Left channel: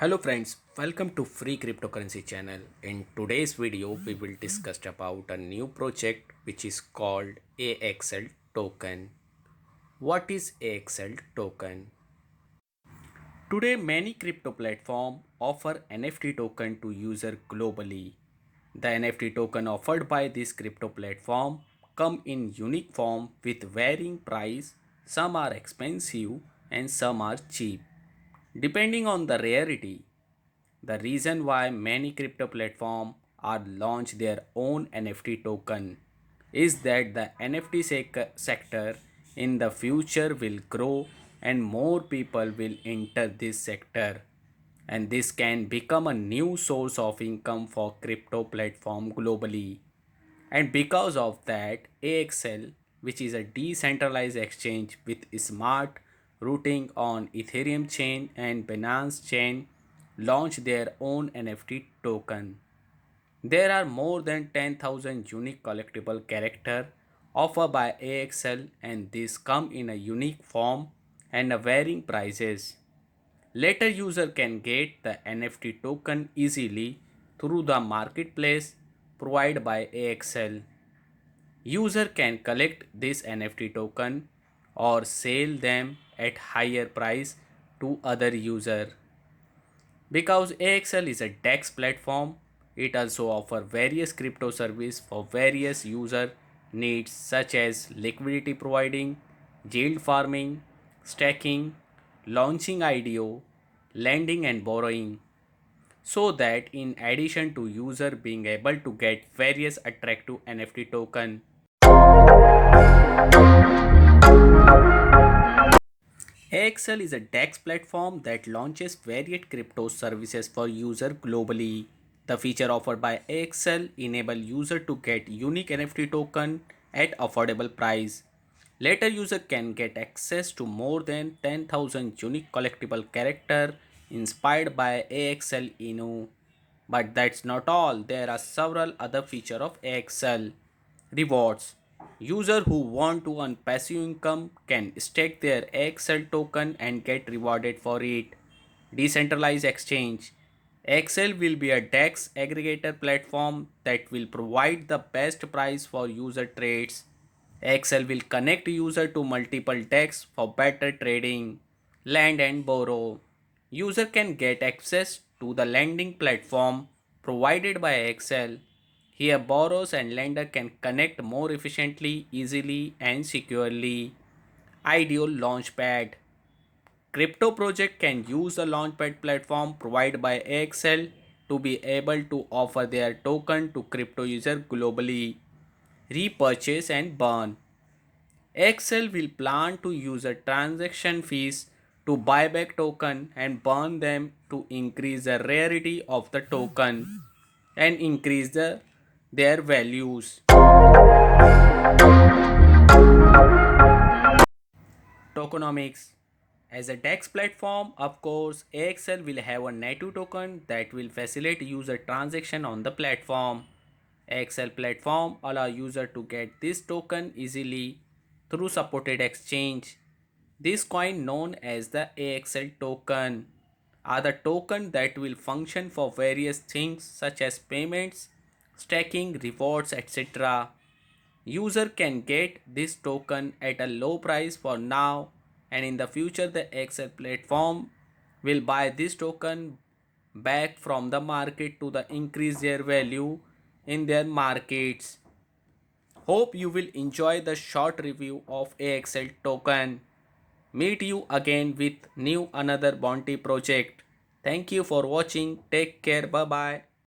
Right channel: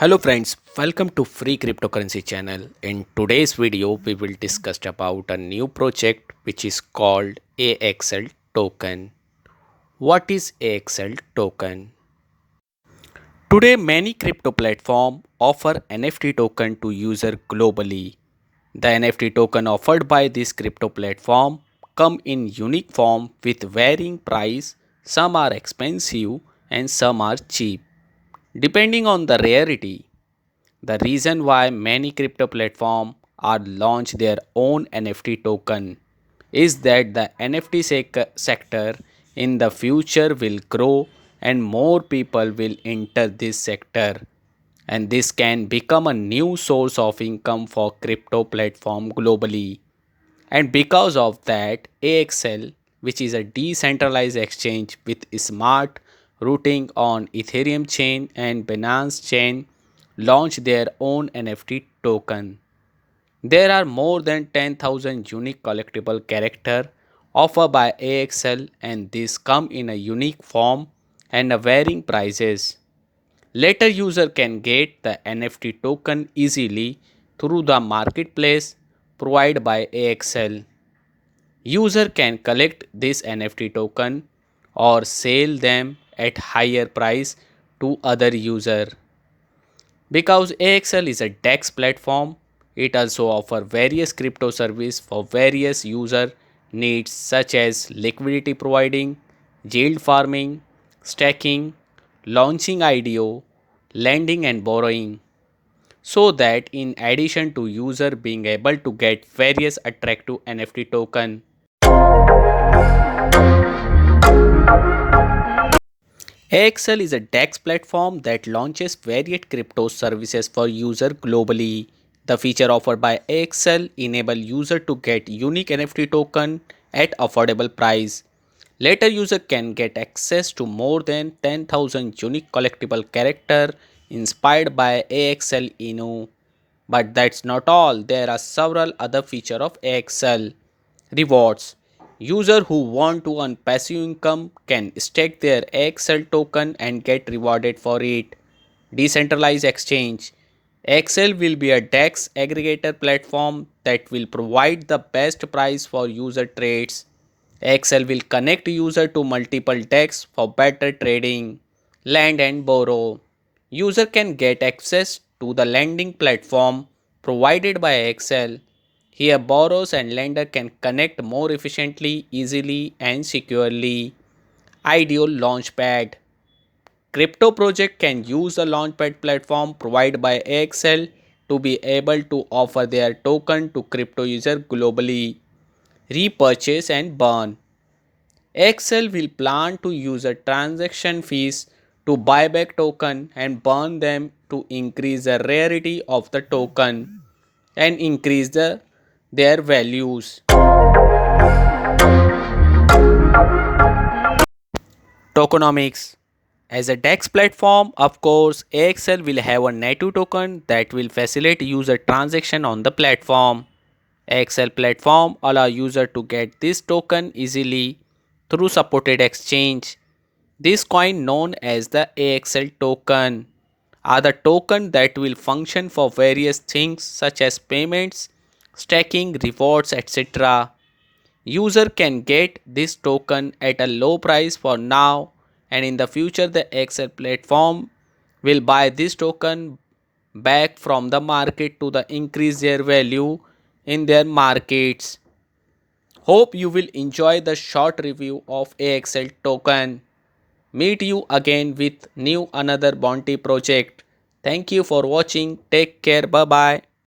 Hello friends, welcome to Free Cryptocurrency channel. In today's video, we will discuss about a new project which is called AXL token. What is AXL token? Today, many crypto platforms offer NFT token to user globally. The NFT token offered by this crypto platform come in unique form with varying price. Some are expensive and some are cheap, depending on the rarity. The reason why many crypto platforms are launch their own NFT token is that the NFT sector in the future will grow and more people will enter this sector, and this can become a new source of income for crypto platform globally. And because of that, AXL, which is a decentralized exchange with smart routing on Ethereum chain and Binance chain, launched their own NFT token. There are more than 10,000 unique collectible character offered by AXL, and these come in a unique form and a varying prices. Later user can get the NFT token easily through the marketplace provided by AXL. User can collect this NFT token or sell them at higher price to other user. Because AXL is a DEX platform, it also offers various crypto service for various user needs such as liquidity providing, yield farming, staking, launching IDO, lending and borrowing. So that in addition to user being able to get various attractive NFT token, AXL is a DEX platform that launches various crypto services for users globally. The feature offered by AXL enable user to get unique NFT token at affordable price. Later user can get access to more than 10,000 unique collectible character inspired by AXL Inu. But that's not all. There are several other features of AXL. Rewards. Users who want to earn passive income can stake their AXL token and get rewarded for it. Decentralized exchange. XL will be a DEX aggregator platform that will provide the best price for user trades. XL will connect user to multiple DEX for better trading. Lend and borrow. User can get access to the lending platform provided by XL. Here borrowers and lender can connect more efficiently, easily and securely. Ideal Launchpad. Crypto project can use a launchpad platform provided by AXL to be able to offer their token to crypto users globally. Repurchase and burn. AXL will plan to use a transaction fees to buy back token and burn them to increase the rarity of the token and increase their values. Tokenomics. As a DEX platform, of course, AXL will have a native token that will facilitate user transaction on the platform. AXL platform allow user to get this token easily through supported exchange. This coin known as the AXL token are the token that will function for various things such as payments, staking, rewards, etc. User can get this token at a low price for now, and in the future the XL platform will buy this token back from the market to the increase their value in their markets. Hope you will enjoy the short review of AXL token. Meet you again with new another bounty project. Thank you for watching. Take care. Bye bye.